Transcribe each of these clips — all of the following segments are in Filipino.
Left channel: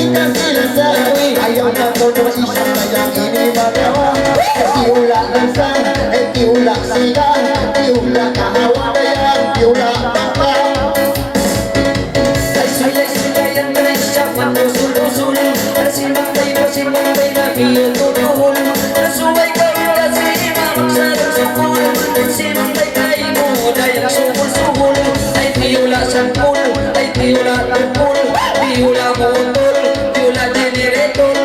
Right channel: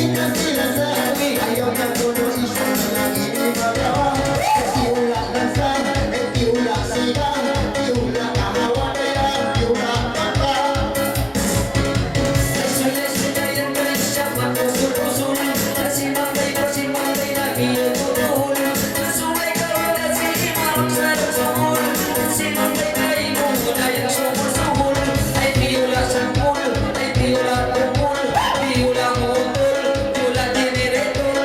dikasih rasa, ayaw na ko na isang kayang inibagawa. Tiula dansa, tiula sigang, tiula kahawa kaya, tiula baka. Saya sibayang sa matusul-usul, simambay na iyotutul. Sumay ka kasi magsasakul, simambay kayo mo dahil sumul-sumul. Ay tiula sangkul, ay tiula tungkul, tiula motor, tiula generator.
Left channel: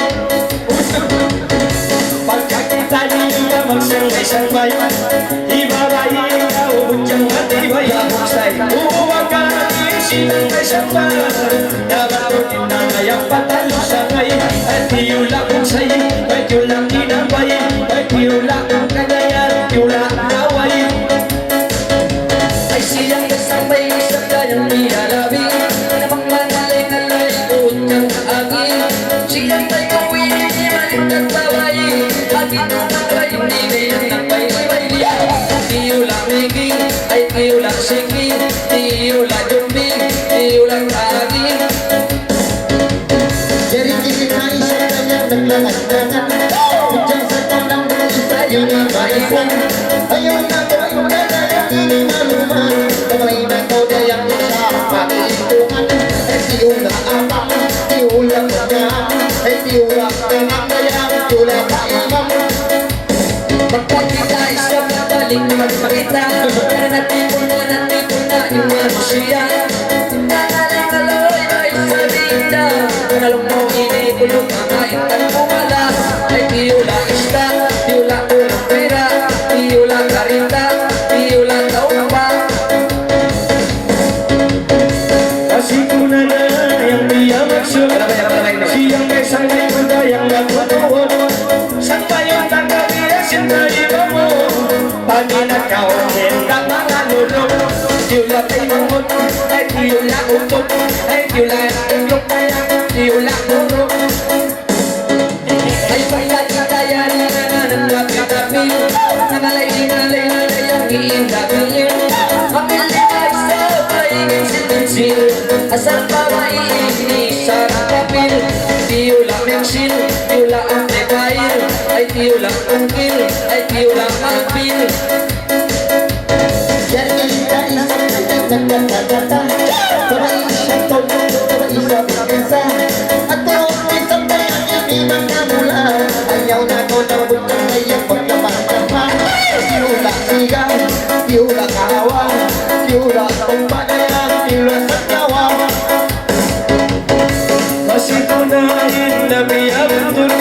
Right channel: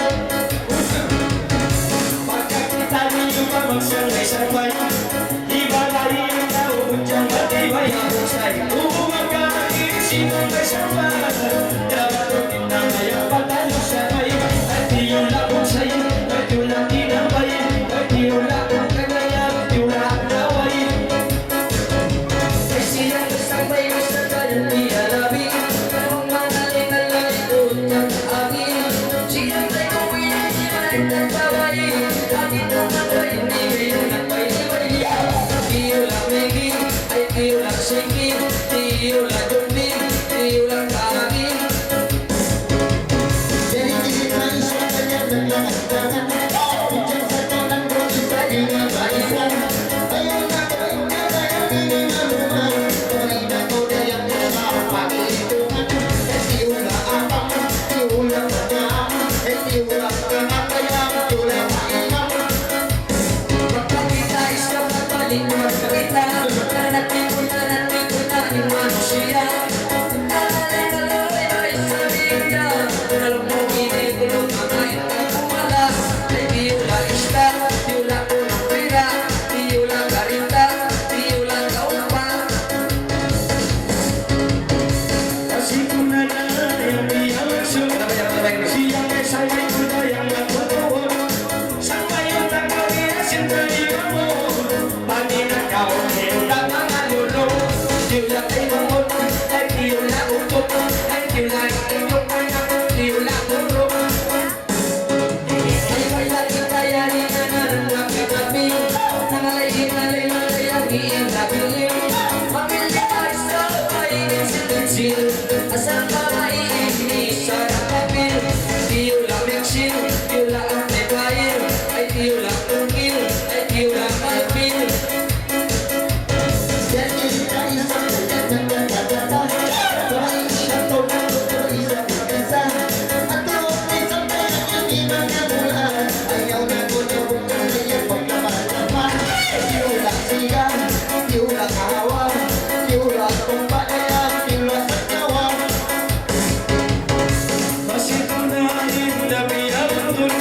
Pagkakita niyo na magsangay-sangay, ibarayin na ubudyang matibay. Uwag ka na sinangay-sangay, dapat na kayang patalo sangay. Ay tiyula kong sayo, ay tiyula tinabay, ay tiyula kong kagayan, tiyula kaway. Ay siyang kasabay sa kanyang pinalabi, na mangangalay-ngalay utang agin. Siyang may kuwinig ni Malindag Taway, bakit ang taway hindi kayang nagpay-ibay. Tiyula miging, ay tiyula singing, tiyula dumbing, tiyula agin. Jadi kisih na isa kanyang nagdagat-dagat, udyang sa tanang isa yun ang balisan. Ayaw na ko ay magkagayang iningaluman, kamay na ko dayang sa pag-iitungan. Ay tiyula apang, tiyula kagaan, ay tiyula kanang kayang, tiyula kaimang. Pagkakita ay sa madaling magpakita, nanatipon na iwan siya. Nangalay-ngalay ay sa linda, alam mo inipulong ang kahit pumala. Ay tiyula isda, tiyula ulang pera, tiyula karinda, tiyula kaupa. Kasi ko na yung diyang magsum, siyang may sangay ko dayang natutuon. Sangay yung tagadiya sinta mo, paninat ka o hinta mga lulong. Tiyula tingumot, ay tiyula utot, ay tiyula tingok, tiyula urok. Ay bayad na dayari na nanggap kagabi, nangalay-inalay na dayang iindabilin. Mamili ay sa paingin-sil-sil, asal pa maiini sa rapipil. Tiyula mingsil, tiyula amplifier, ay tiyula ungkil, ay tiyula malpil. Jadi kita isang nagdagata, para isang tulong, para isang pagkisa. At tuwag isang kaya ibang kanula, ayaw na ko na bukang ngayon pagkapagdaman. Tiyula sigang, tiyula kahawa, tiyula kumbagayan, tiyula sa kawa. Masih ko na hindi abdul,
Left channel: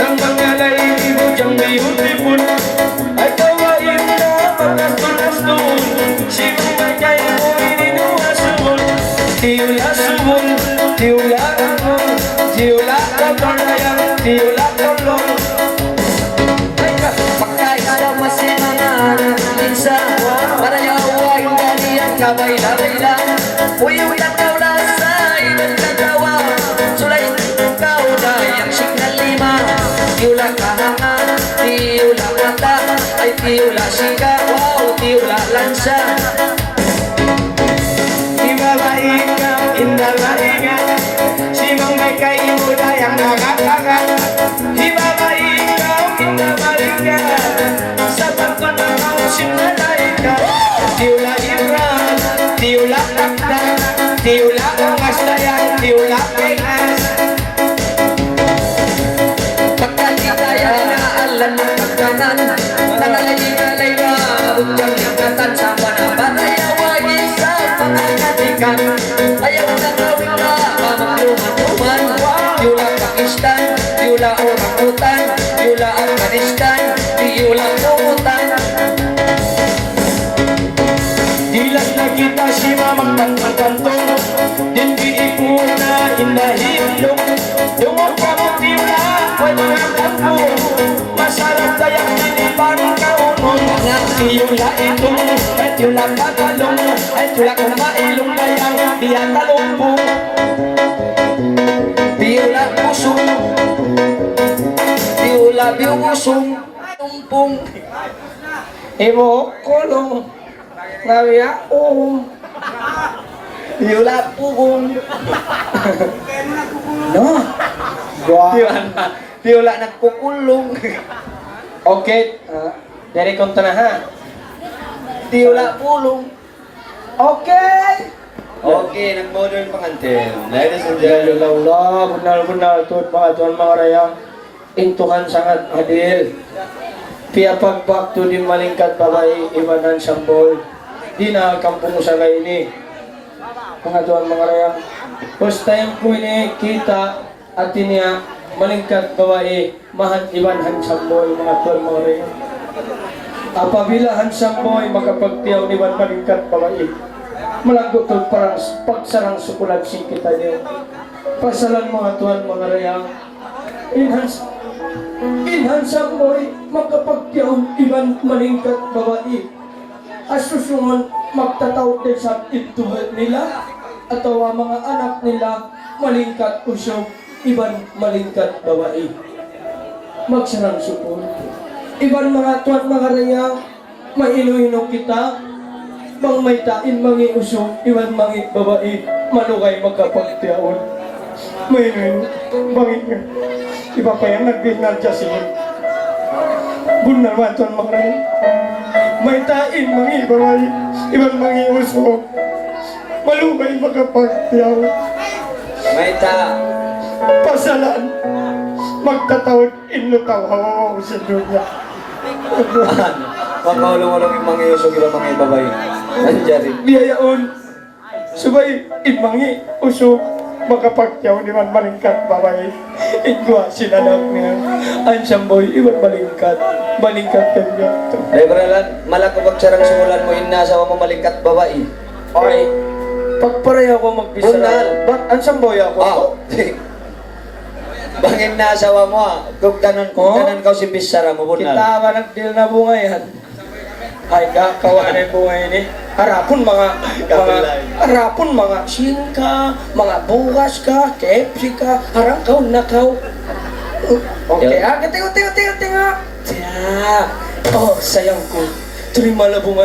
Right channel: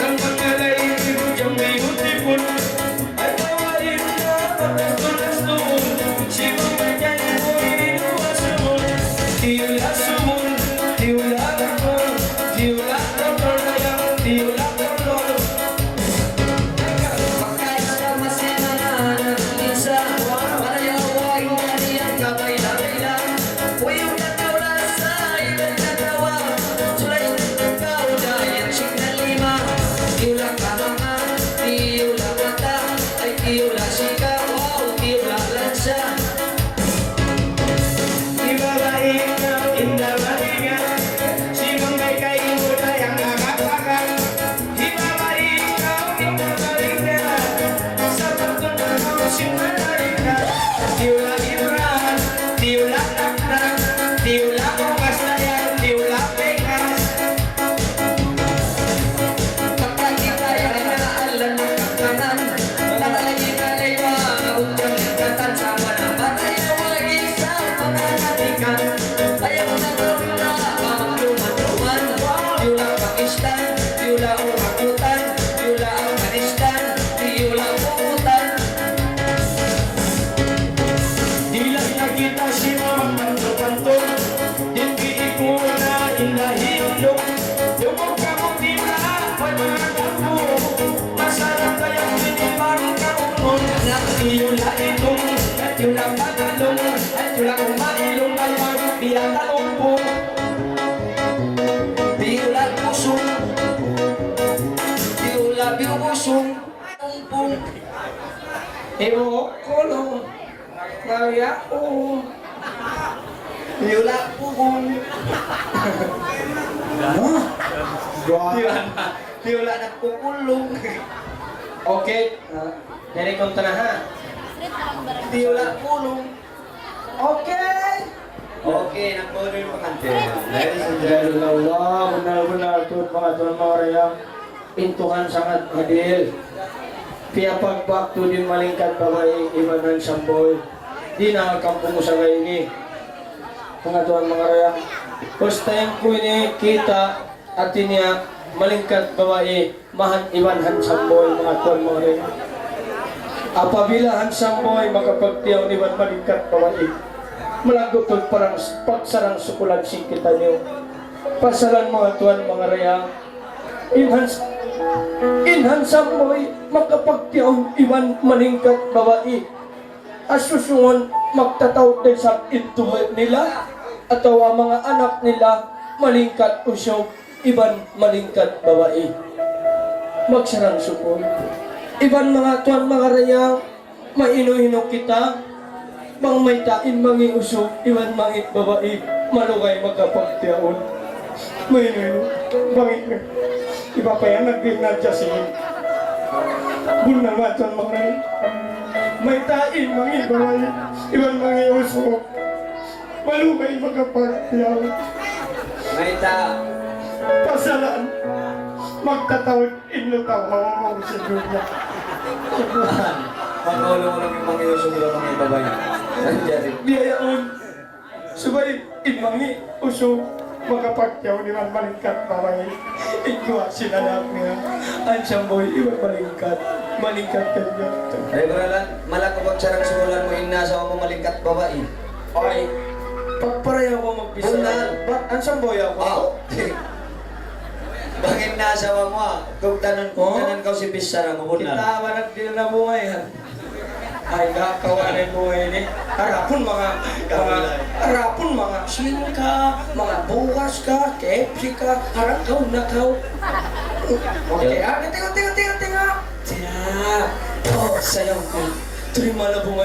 ang pangalay ito diyang may hulipon. Ay kawain na pagkasulas-tuon, sino may kaya mo inuwasun. Tiyula sumon, tiyula kakon, tiyula kakon kayang, tiyula kolong. Pagkaisa masinangan isa, para yawain dali ang kabay-labay lang. Uyong takaw na sa ibang katawa, sulay ikaw dayang signal lima. Tiyula kahanga, tiyula mata, ay tiyula sika, wow, tiyula lansa. Ibalain ka, indalain ka, sino may kayo dayang nagagagan. Ibalain ka, indalain ka, sa pagpanaw sinalain ka. Tiyula Ibrahim, tiyula takdang, tiyula kamaslayang, tiyula kainas. Pagkakitaya na alam na pagkanan, nangalay-ngalay na utang ikatan sa panaban. Ayawain sa pangangatikan, ayaw na gawin na mamagluman-luman. Tiyula Pakistan, tiyula orang-utan, tiyula Afghanistan, tiyula Kukutan. Dilas na kita si mamang tangkantong, hindi mo na inahilong. Dumog ka mo tila, wala kang po, masarap kayang inibang kaunong. Tiyula itong, at tiyula pagalong, ay tula kong mailong kayang iyang talumpo. Tiyula pusong, tiyula biusong, tumpong. Ibo kolong, Maria Tiyula pugong. no. Piola nagpukulong. Okay. Dari kontra ha. Piola pulong. Okay. Okay, nagmodern pangantin. Ladies and Jalo gentlemen. laula benar-benar tuh mga tuan mga rayang intuhan sangat adil. Pia pagbakto di malingkat babae ibanan samboy. Di na kampung usaga ini. Mga tuan mga rayang. First time ko ini kita at niya malingkat babae mahan ibanhan samboy mga tuan mga rayang. Apabila hansamboy makapagtiyaw ni Iban malingkat babae, malagot to parang pagsarang sukulan sing kita niyo. Pasalan mga tuan mga rayang. Inhansamboy makapagtiyaw Iban malingkat babae. Asusungon magtataw din sa ito nila atau ang mga anak nila malingkat usog Iban malingkat babae. Magsarang sukul. Iban mga tuan mga rayang, maino-hino kita, mang may tain mangi usog, iban mangi babae, malugay magkapagtiyaon. Maino-hino, bangin iba pa yan, nagbinal dyan siya. Bunal mga tuan mga rayang, may tain mangi babae, iban mangi usog, malugay magkapagtiyaon. May ta. Pasalan, magtatawad inlutaw ho si Dunya. Pagkaulong-ulong yung mga iusog iba mga ibabay. Ano dyan? Biyayaon, subay imangi usog makapagyaw ni man malingkat babae. Igwa sila lang nga. Ang samboy, iwan malingkat. Malingkat ka niya. Ay, baralan, malak kapag sarang sumulan mo inasawa mo malingkat babae. Okay, pagparay ako magbisa. Bunal. Ba't ang samboy ako? Bangin nasawa mo ah. Kung kanan ka si Bisara mo bunal. Kita ba nagdil na bunga yan? Ay, kawan na yung bunga ini. Harapon mga swing ka, mga bukas ka, KFC ka, harakaw nakaw. Okay, gati nga. Oh, sayang ko. Terima la bunga.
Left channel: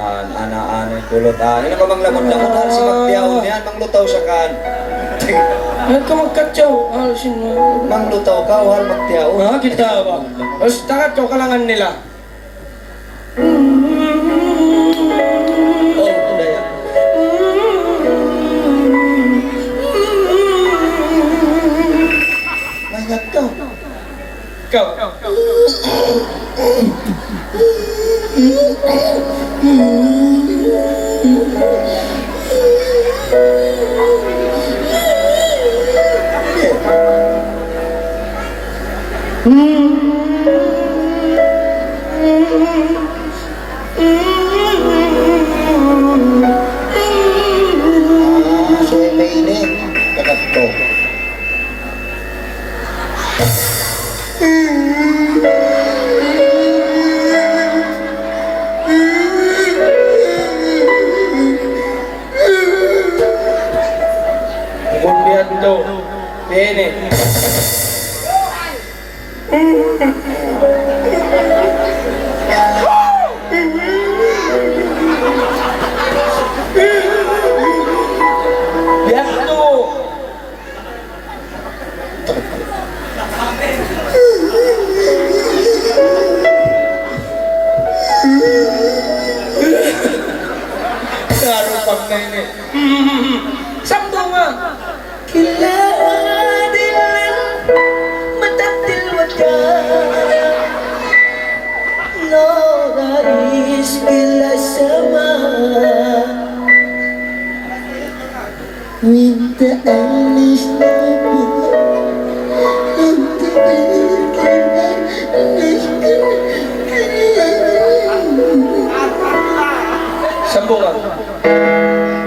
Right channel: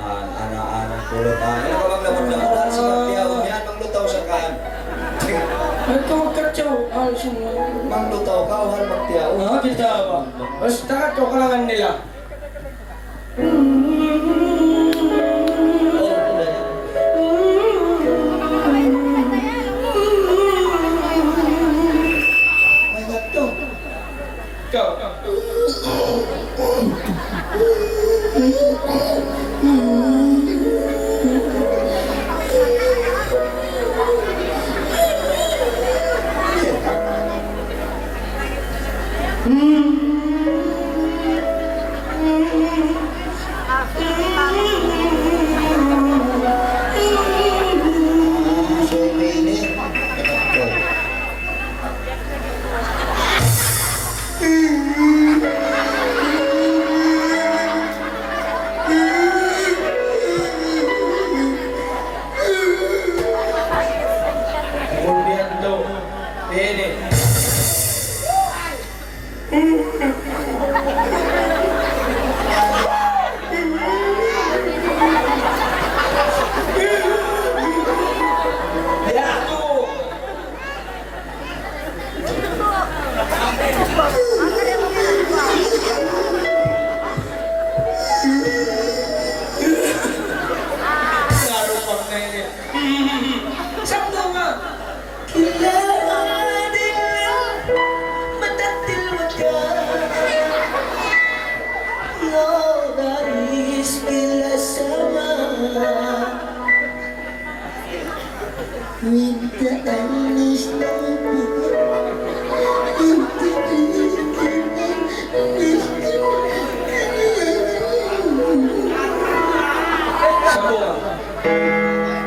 Ana-ana kulot. Ano ka bang lamot-lamot dahil si Magtiyaw niyan? Manglutaw siya kan. Ay, ka magkatsaw. Alisin mo. Manglutaw ka, hal Magtiyaw. Kita ba? Basta katsaw kalangan nila. Oh, okay. Mayat ka. Ikaw. So, may ini. Takat ko. Bundian to. Ini. Biar to. Claro, pag may sakto nga. Minta alis Sampo ka.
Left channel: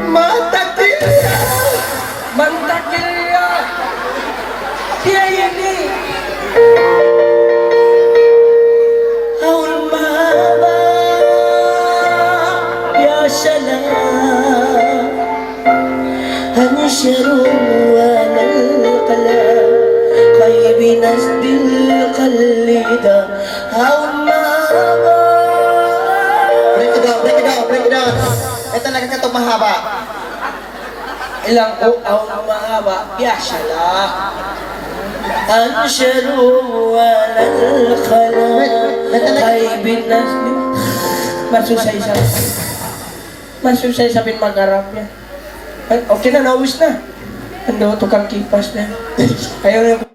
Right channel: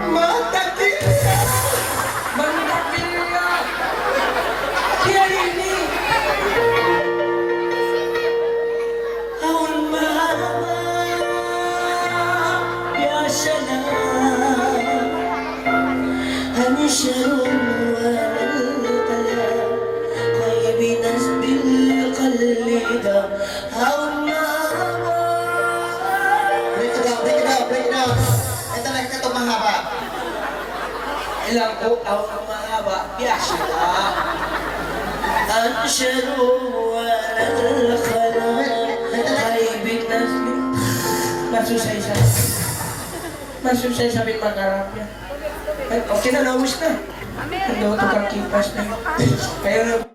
mata kita Mantak nila. Kaya ini. awan mahaba biasa na hanya syarul kala kaya binas bil qalida awan mahaba. Break it down. Ito lang ka ito mahaba. Ilang ko ang mahaba. Ya salah. أنشر على الخلاء طيب النسل Masusay sa pinag-arap niya. Okay na, nawis na. Ang tukang kipas na. Ayaw na.